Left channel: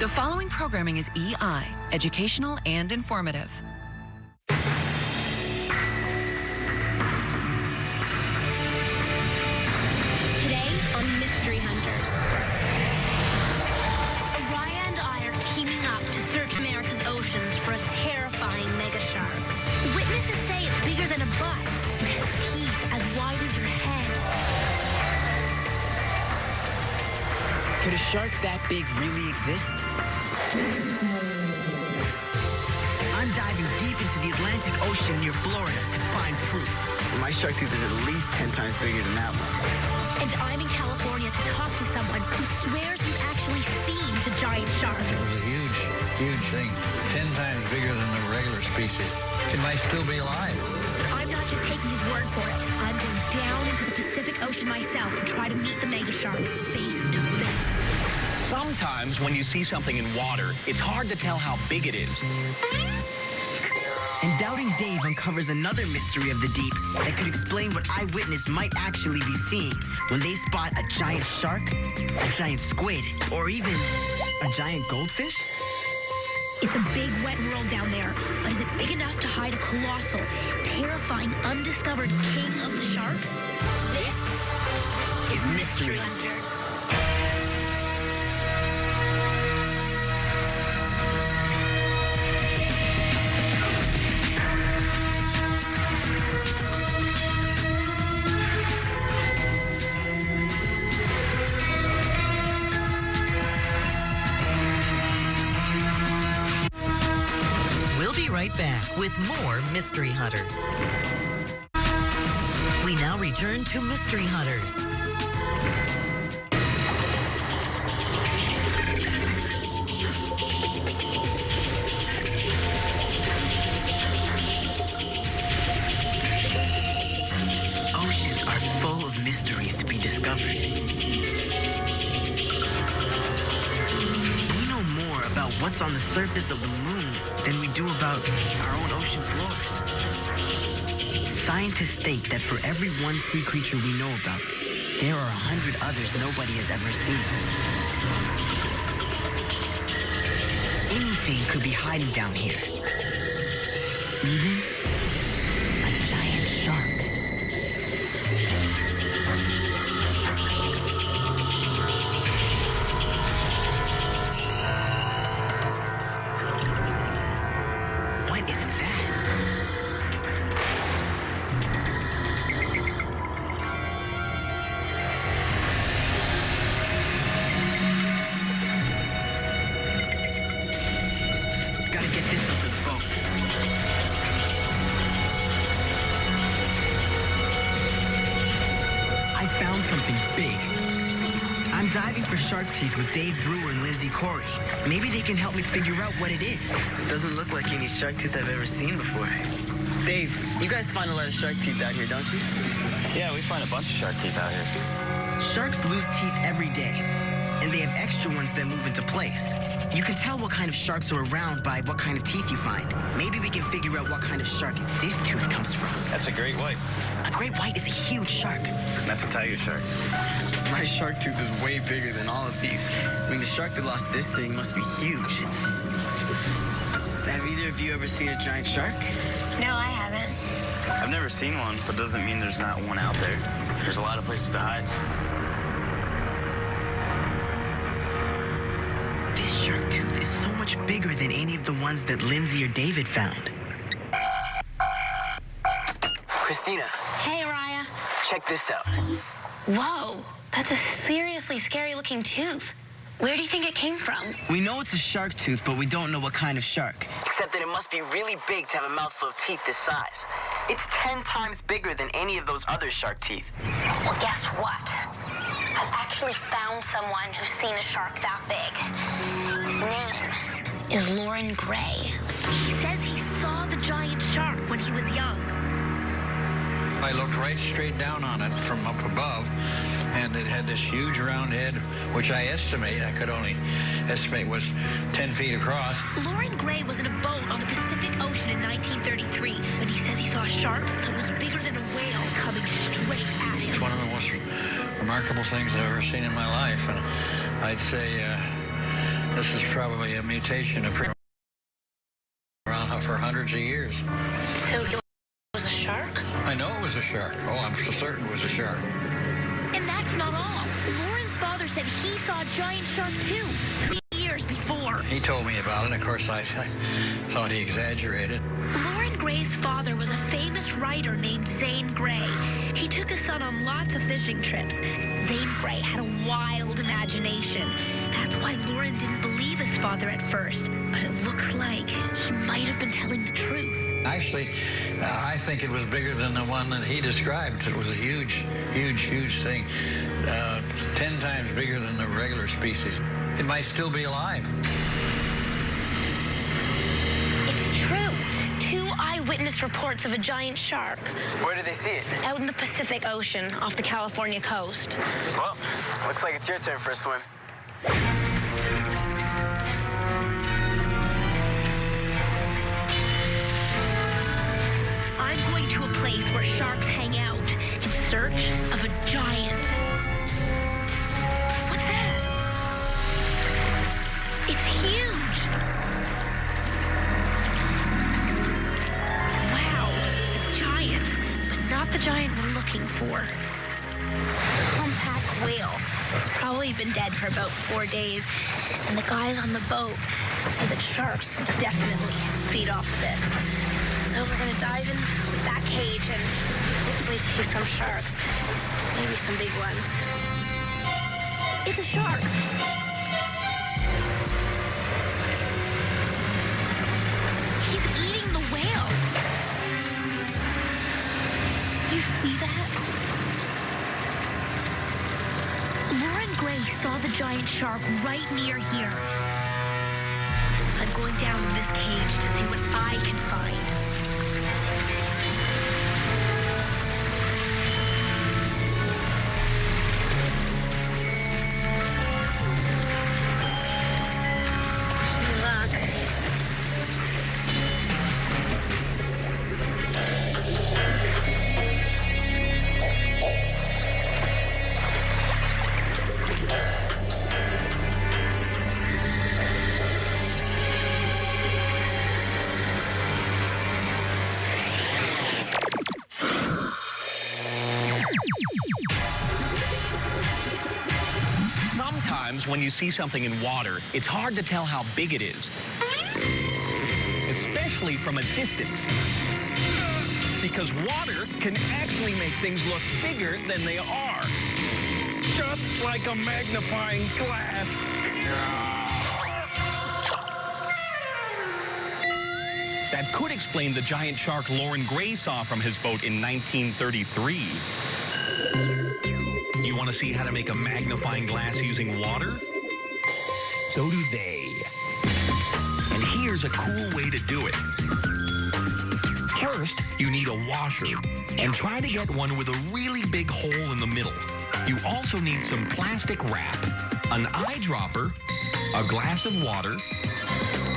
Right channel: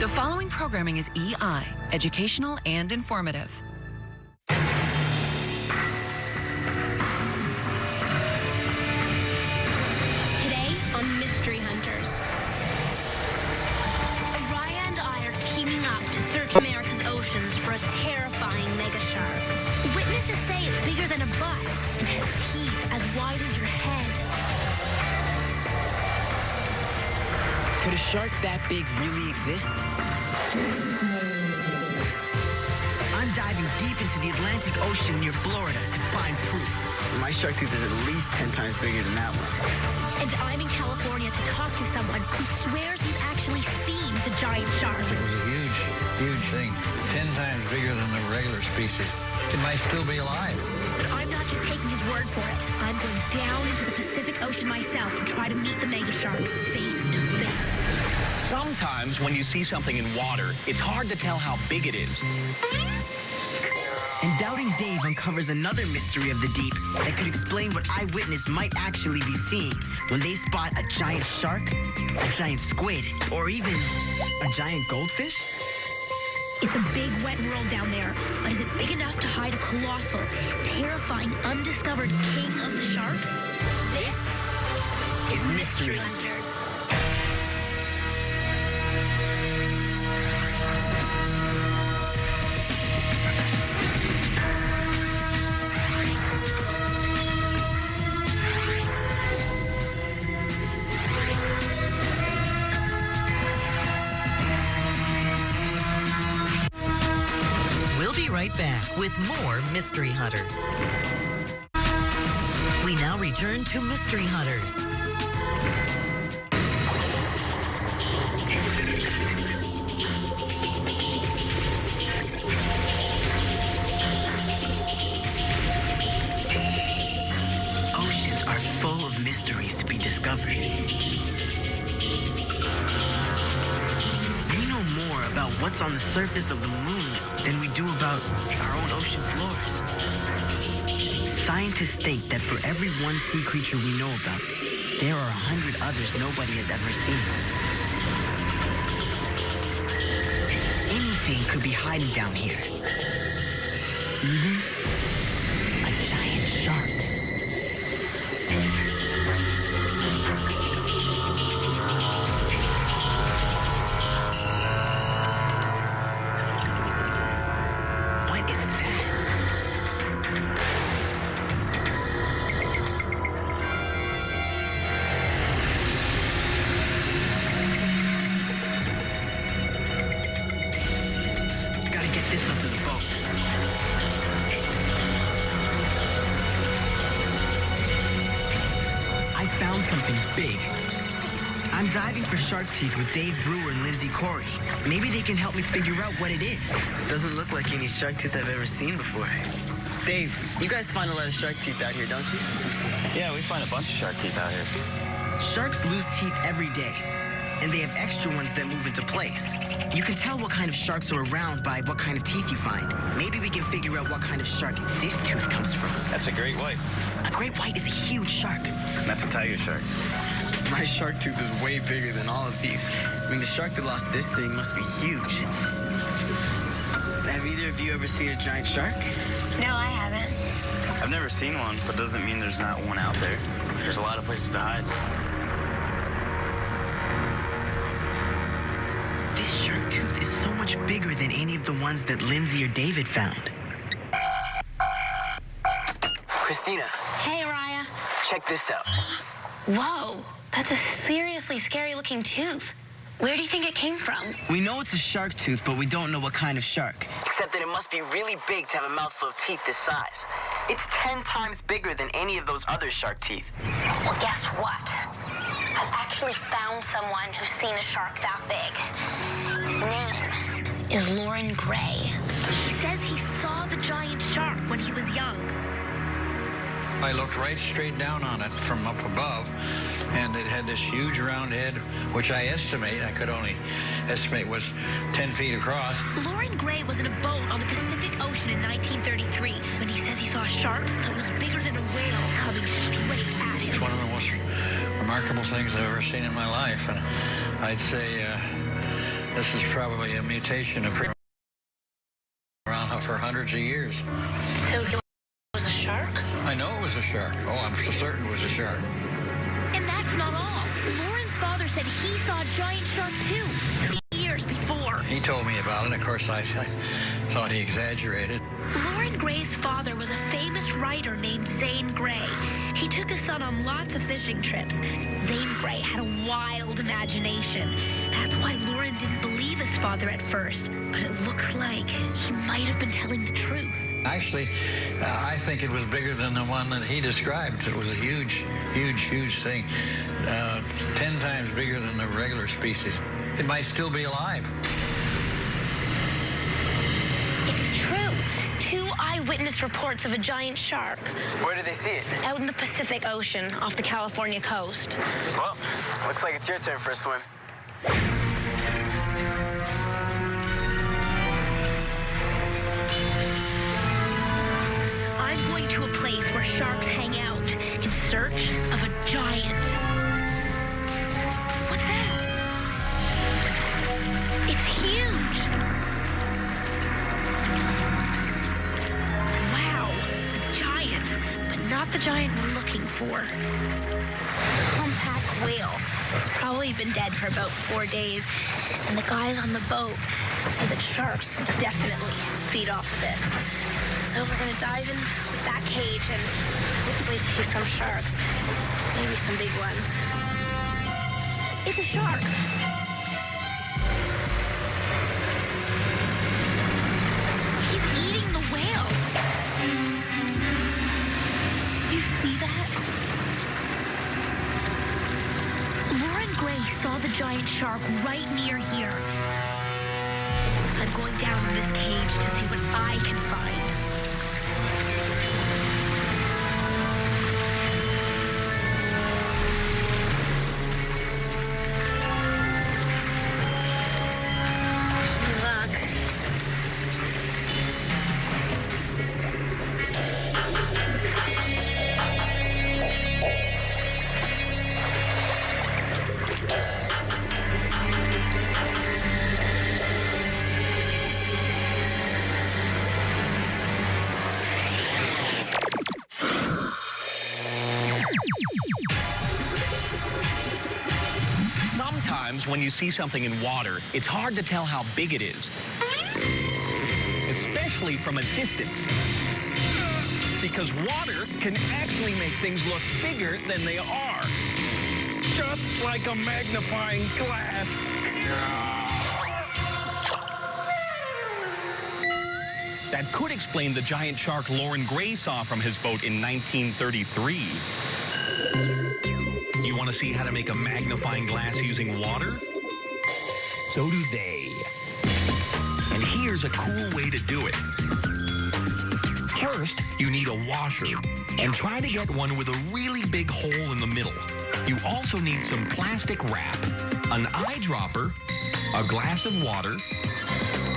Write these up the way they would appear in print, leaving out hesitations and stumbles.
The following programming is EI, educational and informative. Today on Mystery Hunters, Araya and I are teaming up to search America's oceans for a terrifying mega shark. Witnesses say it's bigger than a bus and has teeth as wide as your head. Could a shark that big really exist? I'm diving deep into the Atlantic Ocean near Florida to find proof. My shark tooth is at least 10 times bigger than that one. And I'm in California to talk to someone who swears he's actually seen the giant shark. It was a huge, huge thing. 10 times bigger than the regular species. It might still be alive. But I'm not just taking his word for it. I'm going down into the Pacific Ocean myself to try to meet the mega shark face to face. Sometimes when you see something in water, it's hard to tell how big it is. And Doubting Dave uncovers another mystery of the deep that could explain what eyewitness might actually be seeing when they spot a giant shark, a giant squid, or even a giant goldfish. It's a big, wet world down there, but is it big enough to hide a colossal, terrifying, undiscovered king of the sharks? This is Mystery Hunters. We'll be right back with more Mystery Hunters. We now return to Mystery Hunters. Oceans are full of mysteries to be discovered. We know more about what's on the surface of the moon than we do about our own ocean floors. Scientists think that for every one sea creature we know about, there are 100 others nobody has ever seen. Anything could be hiding down here. Even a giant shark. What is that? Gotta get this up to the boat. I found something big. I'm diving for shark teeth with Dave Brewer and Lindsay Corey. Maybe they can help me figure out what it is. It doesn't look like any shark teeth I've ever seen before. Dave, you guys find a lot of shark teeth out here, don't you? Yeah, we find a bunch of shark teeth out here. Sharks lose teeth every day, and they have extra ones that move into place. You can tell what kind of sharks are around by what kind of teeth you find. Maybe we can figure out what kind of shark this tooth comes from. That's a great white. A great white is a huge shark. That's a tiger shark. My shark tooth is way bigger than all of these. I mean, the shark that lost this thing must be huge. Have either of you ever seen a giant shark? No, I haven't. I've never seen one, but doesn't mean there's not one out there. There's a lot of places to hide. This shark tooth is so much bigger than any of the ones that Lindsay or David found. Christina. Hey, Araya. Check this out. Whoa, that's a seriously scary-looking tooth. Where do you think it came from? We know it's a shark tooth, but we don't know what kind of shark. Except that it must be really big to have a mouthful of teeth this size. It's 10 times bigger than any of those other shark teeth. Well, guess what? I've actually found someone who's seen a shark that big. His name is Lauren Gray. He says he saw the giant shark when he was young. I looked right straight down on it from up above, and it had this huge round head, which I could only estimate was 10 feet across. Lauren Gray was in a boat on the Pacific Ocean in 1933 when he says he saw a shark that was bigger than a whale coming straight at him. It's one of the most remarkable things I've ever seen in my life, and I'd say This is probably a mutation of around for hundreds of years. So it was a shark? I know it was a shark. Oh, I'm so certain it was a shark. And that's not all. Lauren's father said he saw a giant shark too, 3 years before. He told me about it, and of course I thought he exaggerated. Lauren Gray's father was a famous writer named Zane Grey. He took his son on lots of fishing trips. Zane Grey had a wild imagination. That's why Lauren didn't believe his father at first. But it looks like he might have been telling the truth. Actually, I think it was bigger than the one that he described. It was a huge, huge, huge thing. 10 times bigger than the regular species. It might still be alive. It's true. 2 eyewitness reports of a giant shark. Where did they see it? Out in the Pacific Ocean off the California coast. Well, looks like it's your turn for a swim. I'm going to a place where sharks hang out in search of a giant. What's that? It's huge. Wow, a giant, but not the giant we're looking for. Humpback whale. It's probably been dead for about 4 days, and the guys on the boat say that sharks definitely feed off of this. So we're gonna dive in with that cage and hopefully see some sharks. Maybe some big ones. It's a shark. He's eating the whale. Did you see that? Lauren Gray saw the giant shark right near here. I'm going down in this cage to see what I can find. Good luck. Sometimes when you see something in water, it's hard to tell how big it is, especially from a distance. Because water can actually make things look bigger than they are. Just like a magnifying glass. That could explain the giant shark Lauren Gray saw from his boat in 1933. You want to see how to make a magnifying glass using water? So do they. And here's a cool way to do it. First, you need a washer, and try to get one with a really big hole in the middle. You also need some plastic wrap, an eyedropper, a glass of water,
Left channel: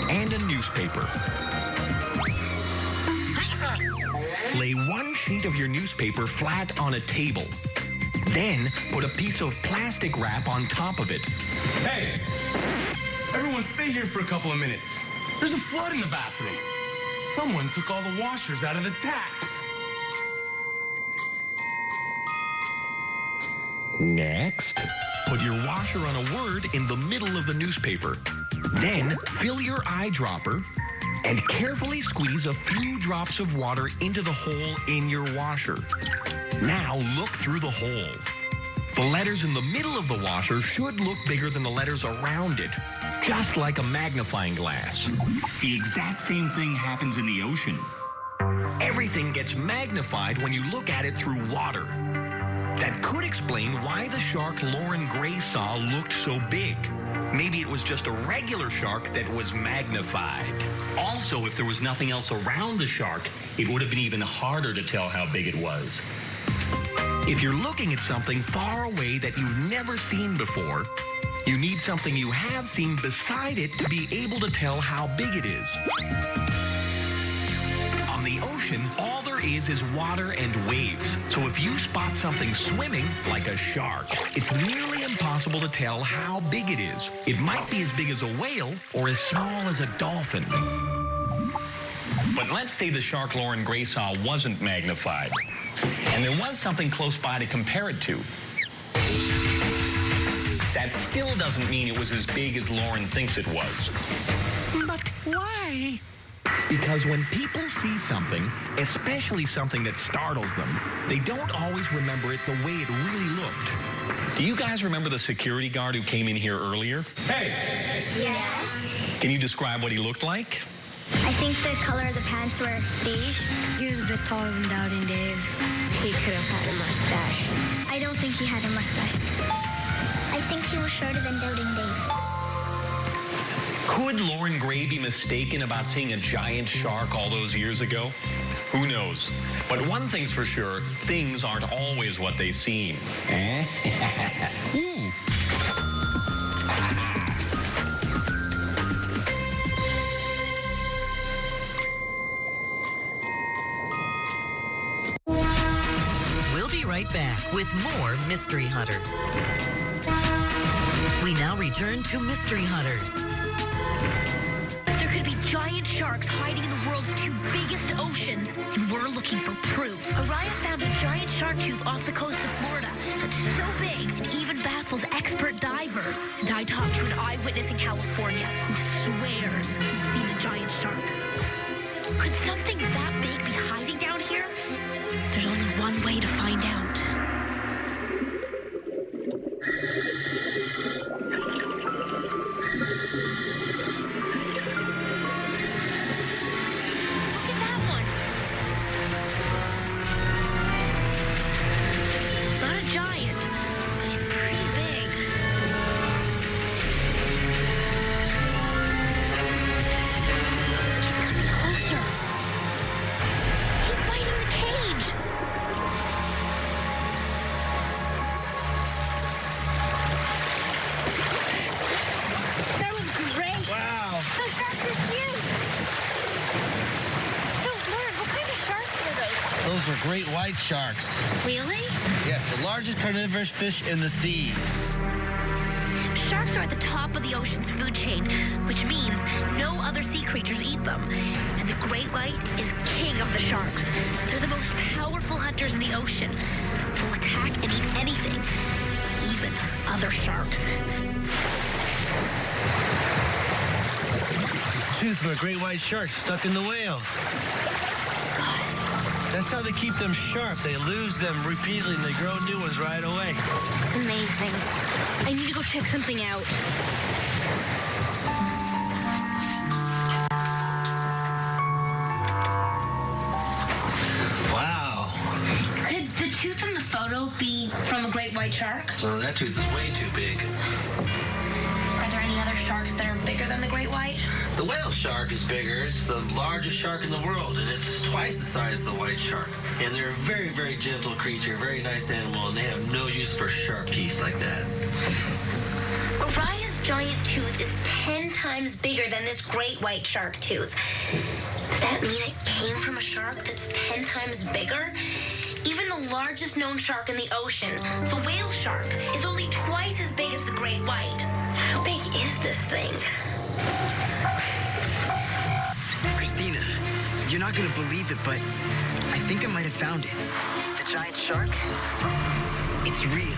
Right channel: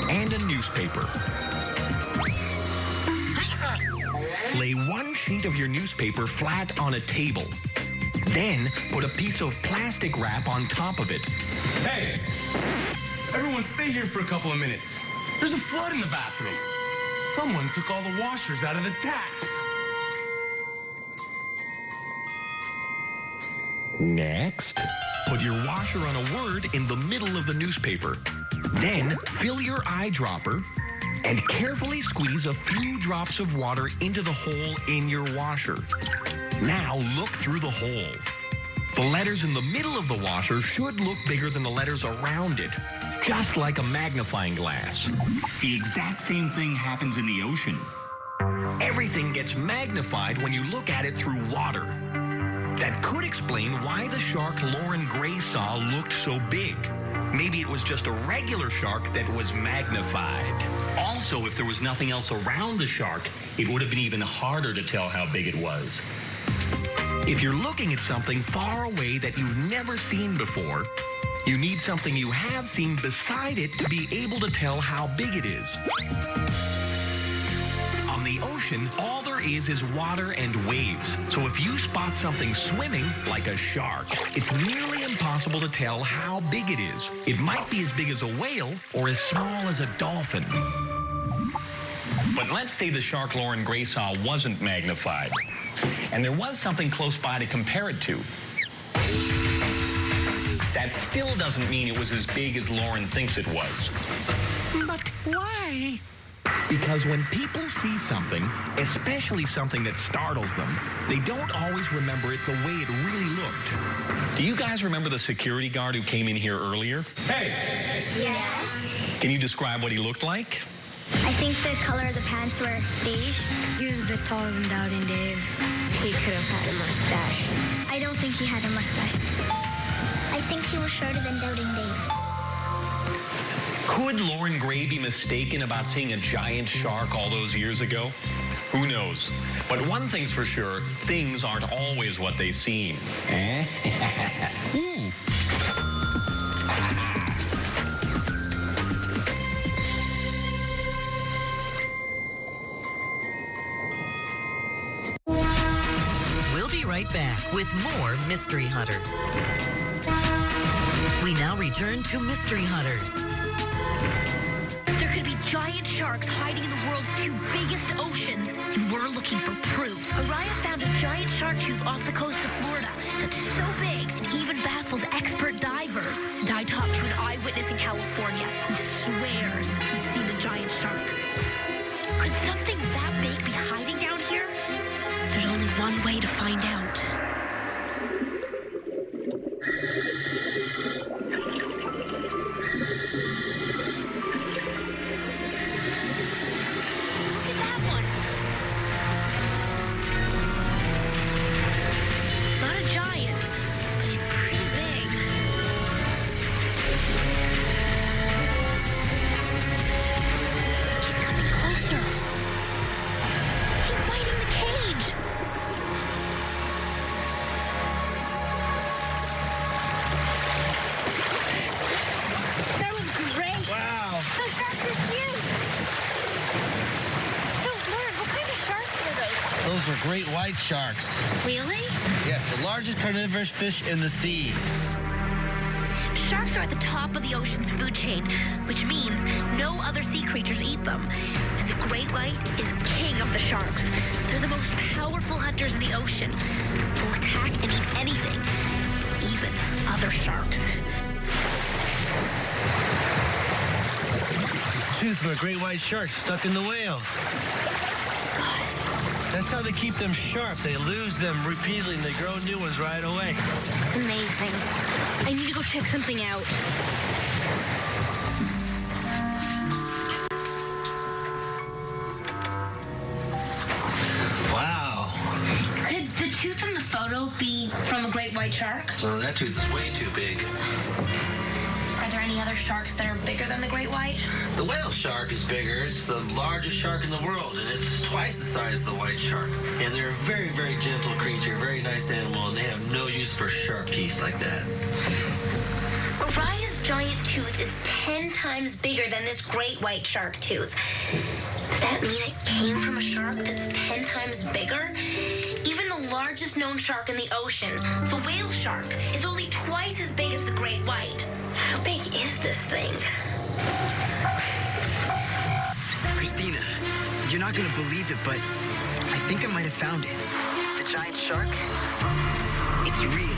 and a newspaper. Lay one sheet of your newspaper flat on a table. Then, put a piece of plastic wrap on top of it. Hey! Everyone stay here for a couple of minutes. There's a flood in the bathroom. Someone took all the washers out of the taps. Next, put your washer on a word in the middle of the newspaper. Then, fill your eyedropper and carefully squeeze a few drops of water into the hole in your washer. Now look through the hole. The letters in the middle of the washer should look bigger than the letters around it, just like a magnifying glass. The exact same thing happens in the ocean. Everything gets magnified when you look at it through water. That could explain why the shark Lauren Gray saw looked so big. Maybe it was just a regular shark that was magnified. Also, if there was nothing else around the shark, it would have been even harder to tell how big it was. If you're looking at something far away that you've never seen before, you need something you have seen beside it to be able to tell how big it is. On the ocean, all there is water and waves. So if you spot something swimming, like a shark, it's nearly impossible to tell how big it is. It might be as big as a whale or as small as a dolphin. But let's say the shark Lauren Gray saw wasn't magnified, and there was something close by to compare it to. That still doesn't mean it was as big as Lauren thinks it was. But why? Because when people see something, especially something that startles them, they don't always remember it the way it really looked. Do you guys remember the security guard who came in here earlier? Hey! Yes. Can you describe what he looked like? I think the color of the pants were beige. He was a bit taller than Doubting Dave. He could have had a mustache. I don't think he had a mustache. I think he was shorter than Doubting Dave. Could Lauren Gray be mistaken about seeing a giant shark all those years ago? Who knows? But one thing's for sure, things aren't always what they seem. Ooh. We'll be right back with more Mystery Hunters. We now return to Mystery Hunters. There could be giant sharks hiding in the world's two biggest oceans, and we're looking for proof. Araya found a giant shark tooth off the coast of Florida that's so big it even baffles expert divers. And I talked to an eyewitness in California who swears he's seen a giant shark. Could something that big be hiding down here? There's only one way to find out. Look at that one. Not a giant, but he's pretty big. He's coming closer. He's biting the cage. That was great. Wow. Those sharks are huge. So, Lauren, what kind of sharks are those? Those are great white sharks. Really? Yes, the largest carnivorous fish in the sea. Sharks are at the top of the ocean's food chain, which means no other sea creatures eat them. And the great white is king of the sharks. They're the most powerful hunters in the ocean. They'll attack and eat anything, even other sharks. Tooth from a great white shark stuck in the whale. That's how they keep them sharp. They lose them repeatedly and they grow new ones right away. It's amazing. I need to go check something out. Wow. Could the tooth in the photo be from a great white shark? Well, that tooth is way too big. Are there any other sharks that are bigger than the great white? The whale shark is bigger. It's the largest shark in the world, and it's twice the size of the white shark. And they're a very, very gentle creature, very nice animal, and they have no use for sharp teeth like that. Araya's giant tooth is 10 times bigger than this great white shark tooth. Does that mean it came from a shark that's 10 times bigger? Even the largest known shark in the ocean, the whale shark, is only twice as big as the great white. How big is this thing? Christina, you're not going to believe it, but I think I might have found it. The giant shark? It's real.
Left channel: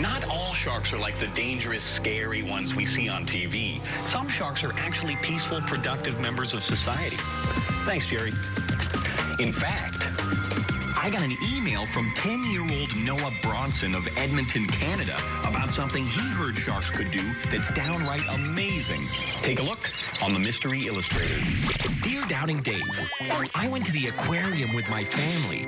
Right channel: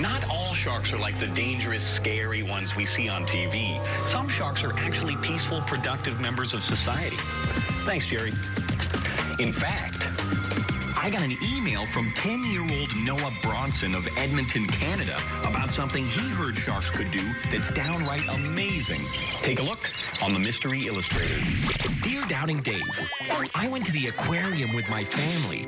Not all sharks are like the dangerous, scary ones we see on TV. Some sharks are actually peaceful, productive members of society. Thanks, Jerry. In fact, I got an email from 10-year-old Noah Bronson of Edmonton, Canada, about something he heard sharks could do that's downright amazing. Take a look on the Mystery Illustrator. Dear Doubting Dave, I went to the aquarium with my family,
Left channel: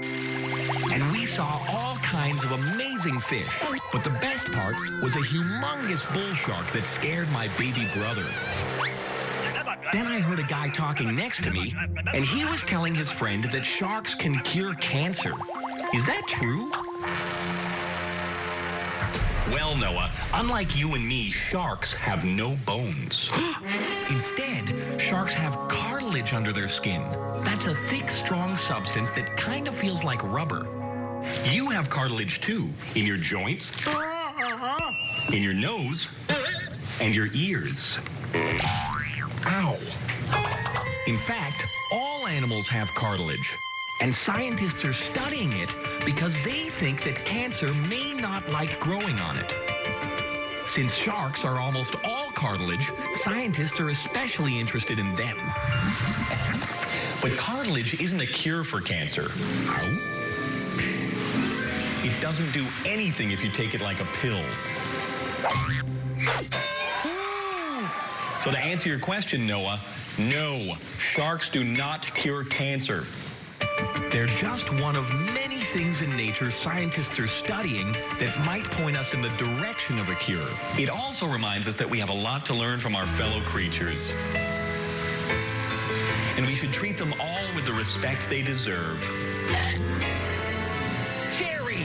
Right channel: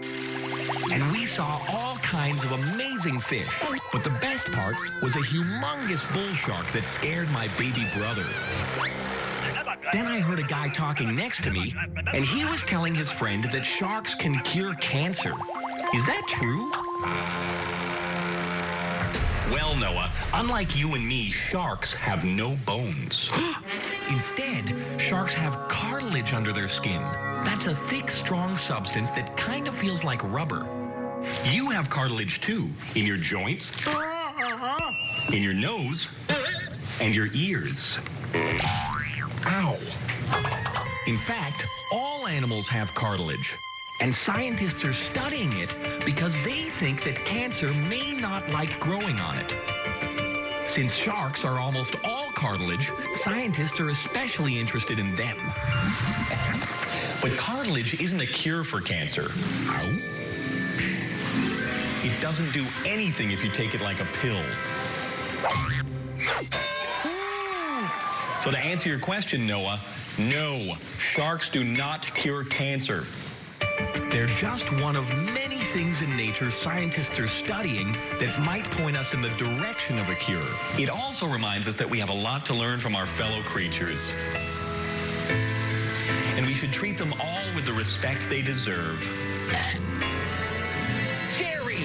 and we saw all kinds of amazing fish. But the best part was a humongous bull shark that scared my baby brother. Then I heard a guy talking next to me, and he was telling his friend that sharks can cure cancer. Is that true? Well, Noah, unlike you and me, sharks have no bones. Instead, sharks have cartilage under their skin. That's a thick, strong substance that kind of feels like rubber. You have cartilage too, in your joints, in your nose, and your ears. Ow. In fact, all animals have cartilage. And scientists are studying it because they think that cancer may not like growing on it. Since sharks are almost all cartilage, scientists are especially interested in them. But cartilage isn't a cure for cancer. Ow. It doesn't do anything if you take it like a pill. So to answer your question, Noah, no, sharks do not cure cancer. They're just one of many things in nature scientists are studying that might point us in the direction of a cure. It also reminds us that we have a lot to learn from our fellow creatures. And we should treat them all with the respect they deserve. Jerry!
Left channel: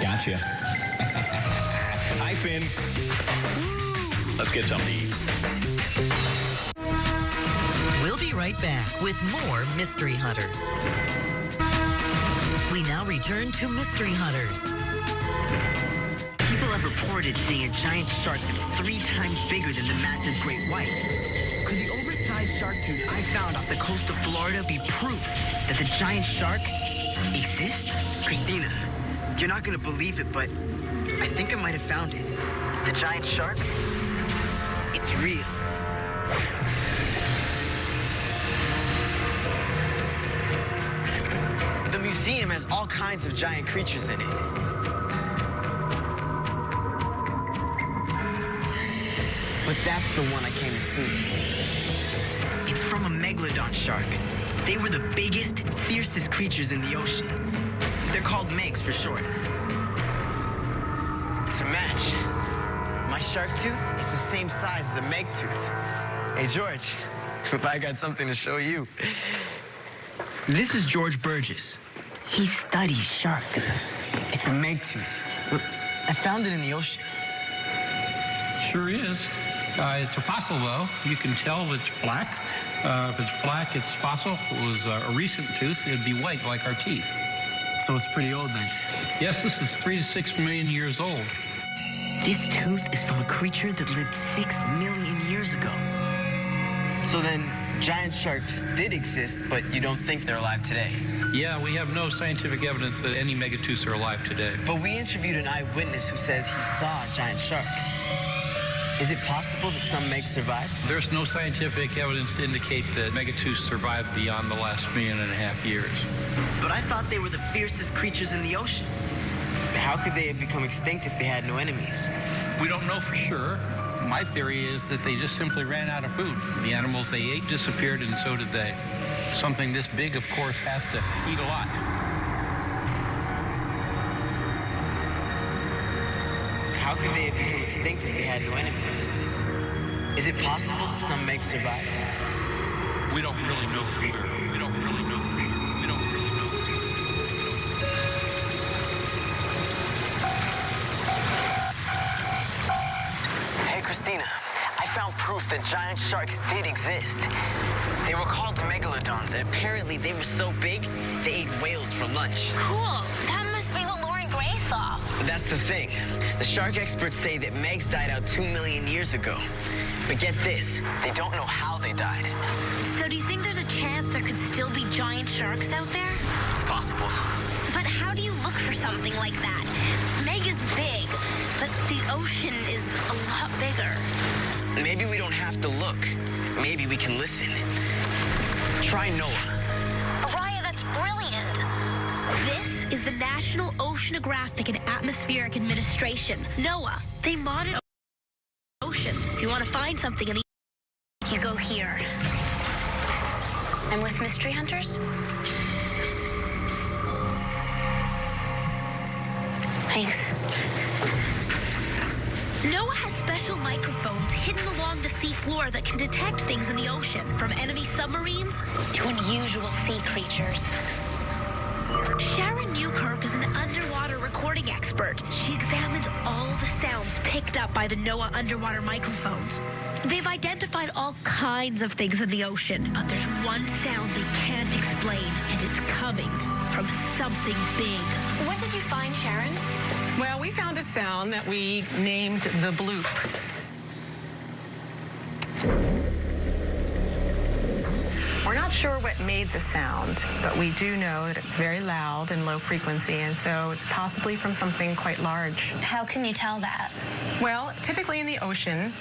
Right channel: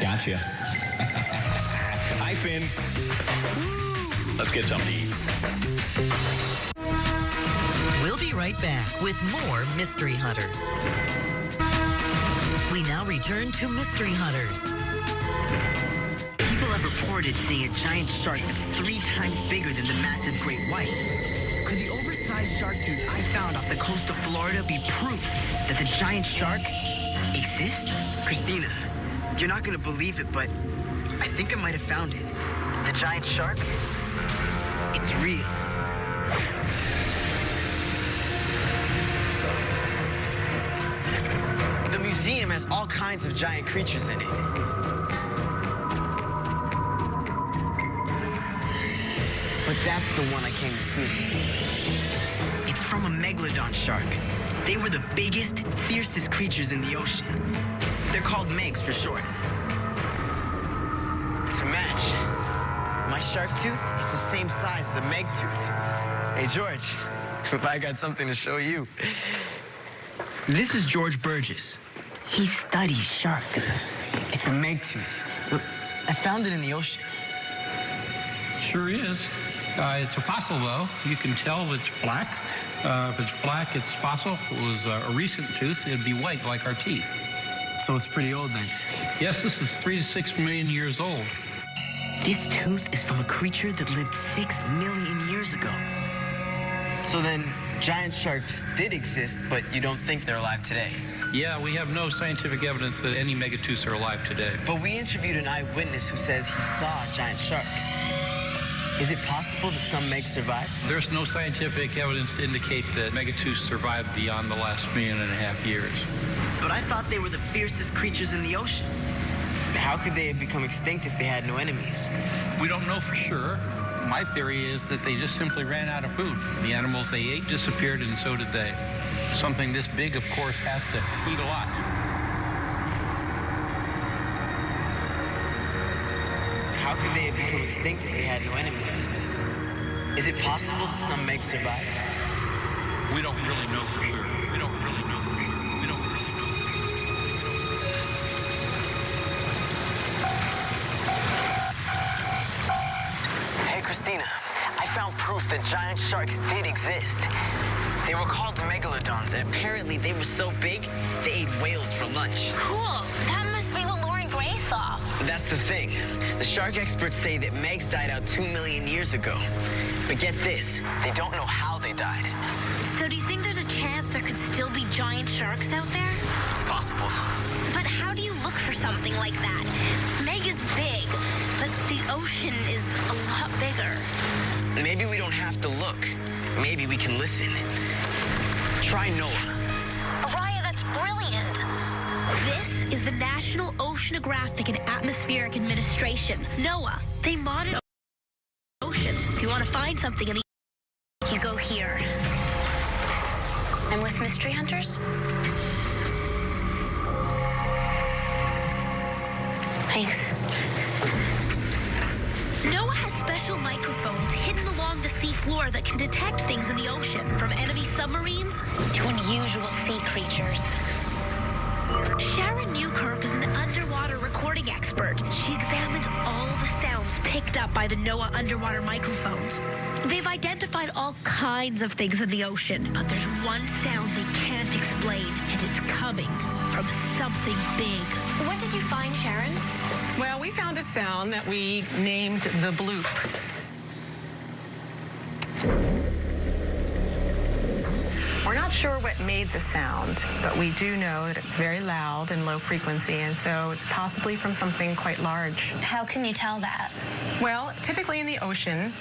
Gotcha. Hi, Finn. Let's get something to eat. We'll be right back with more Mystery Hunters. We now return to Mystery Hunters. People have reported seeing a giant shark that's 3 times bigger than the massive great white. Could the oversized shark tooth I found off the coast of Florida be proof that the giant shark exists? Christina, you're not gonna believe it, but I think I might have found it. The giant shark, it's real. The museum has all kinds of giant creatures in it. But that's the one I came to see. It's from a megalodon shark. They were the biggest, fiercest creatures in the ocean. They're called Megs for short. It's a match. My shark tooth, it's the same size as a Meg tooth. Hey, George, if I got something to show you. This is George Burgess. He studies sharks. It's a Meg tooth. Look, I found it in the ocean. Sure is. It's a fossil, though. You can tell it's black. If it's black, it's fossil. If it was a recent tooth, it'd be white, like our teeth. So it's pretty old, then? Yes, this is 3 to 6 million years old. This tooth is from a creature that lived 6 million years ago. So then, giant sharks did exist, but you don't think they're alive today? Yeah, we have no scientific evidence that any megatooths are alive today. But we interviewed an eyewitness who says he saw a giant shark. Is it possible that some Megs survived? There's no scientific evidence to indicate that megatooths survived beyond the last 1.5 million years. But I thought they were the fiercest creatures in the ocean. How could they have become extinct if they had no enemies? We don't know for sure. My theory is that they just simply ran out of food. The animals they ate disappeared, and so did they. Something this big, of course, has to eat a lot. How could they have become extinct if they had no enemies? Is it possible that some Megs survived? We don't really know for sure. We don't really know for sure. We don't really know for sure. Hey, Christina, I found proof that giant sharks did exist. They were called megalodons, and apparently they were so big, they ate whales for lunch. Cool. That must be what Lauren Gray saw. That's the thing. The shark experts say that Megs died out 2 million years ago. But get this, they don't know how they died. So do you think there's a chance there could still be giant sharks out there? It's possible. But how do you look for something like that? Meg is big, but the ocean is a lot bigger. Maybe we don't have to look. Maybe we can listen. Try Noah. Araya, that's brilliant. This is the National Oceanographic and Atmospheric Administration, NOAA. They monitor oceans. If you want to find something in the you go here. I'm with Mystery Hunters. Thanks. NOAA has special microphones hidden along the seafloor that can detect things in the ocean, from enemy submarines to unusual sea creatures. Sharon Newkirk is an underwater recording expert. She examines all the sounds picked up by the NOAA underwater microphones. They've identified all kinds of things in the ocean, but there's one sound they can't explain, and it's coming from something big. What did you find, Sharon? Well, we found a sound that we named the bloop. We're not sure what made the sound, but we do know that it's very loud and low frequency, and so it's possibly from something quite large. How can you tell that? Well, typically in the ocean,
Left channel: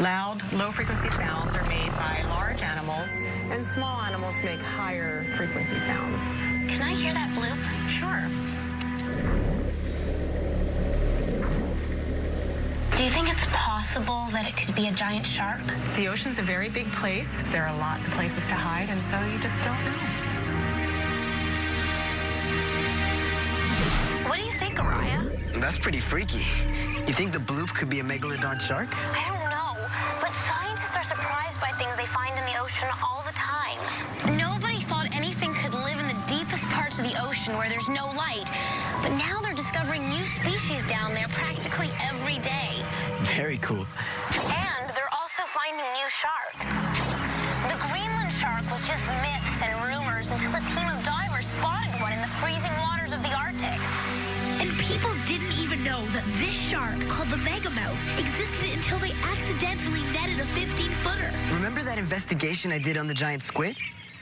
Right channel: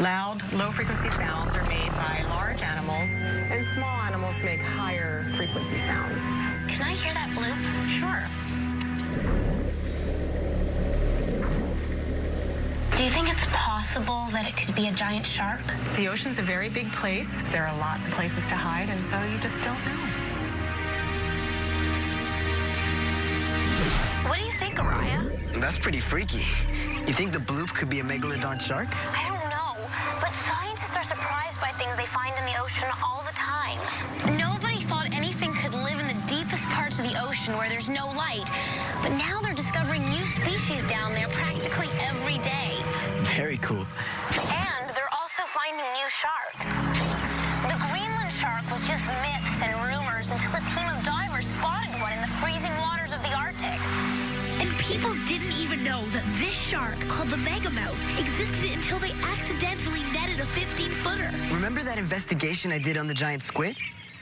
loud, low-frequency sounds are made by large animals, and small animals make higher frequency sounds. Can I hear that bloop? Sure. Do you think it's possible that it could be a giant shark? The ocean's a very big place. There are lots of places to hide, and so you just don't know. What do you think, Araya? That's pretty freaky. You think the bloop could be a megalodon shark? I don't know, but scientists are surprised by things they find in the ocean all the time. Nobody thought anything could live in the deepest parts of the ocean where there's no light, but now they're discovering new species down there practically every day. Very cool. And they're also finding new sharks. The Greenland shark was just myths and rumors until a team of divers spotted one in the freezing waters of the Arctic. And people didn't even know that this shark, called the megamouth, existed until they accidentally netted a 15-footer. Remember that investigation I did on the giant squid?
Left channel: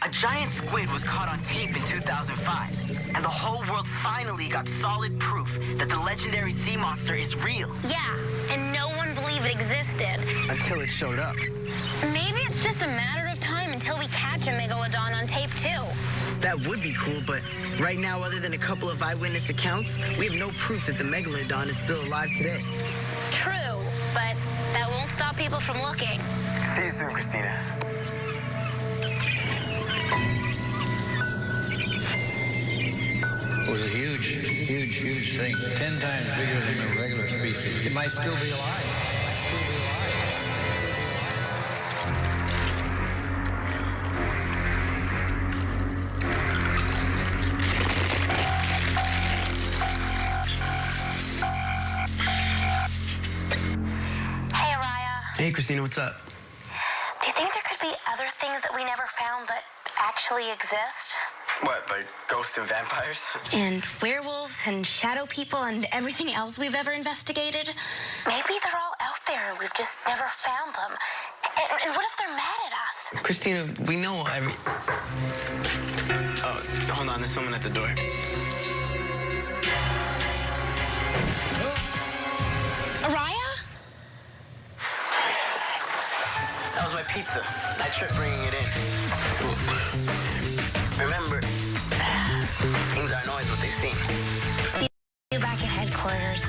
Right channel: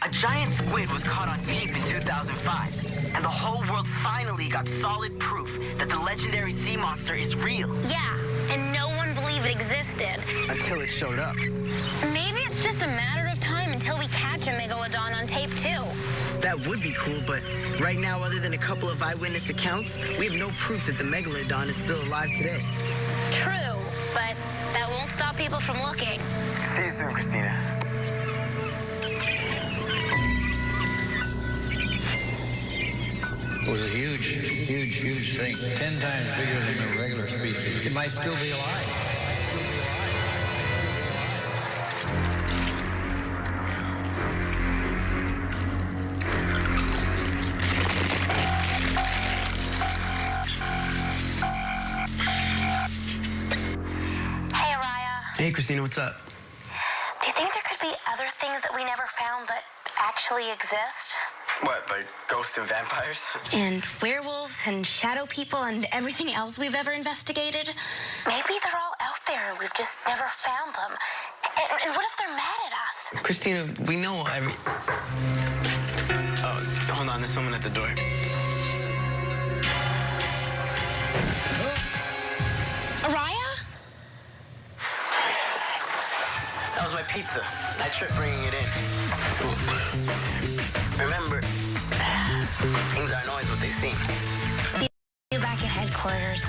A giant squid was caught on tape in 2005, and the whole world finally got solid proof that the legendary sea monster is real. Yeah, and no one believed it existed. Until it showed up. Maybe it's just a matter of time until we catch a megalodon on tape, too. That would be cool, but right now, other than a couple of eyewitness accounts, we have no proof that the megalodon is still alive today. True, but that won't stop people from looking. See you soon, Christina. It was a huge thing. 10 times bigger than the regular species. It might still be alive. Hey, Araya. Hey, Christina, what's up? Do you think there could be other things that we never found that actually exist? What, like ghosts and vampires? And werewolves and shadow people and everything else we've ever investigated? Maybe they're all out there and we've just never found them. And what if they're mad at us? Christina, we know every... Oh, hold on, there's someone at the door. Araya? That was my pizza. I tripped bringing it in. Remember, things aren't always what they seem. You back at headquarters.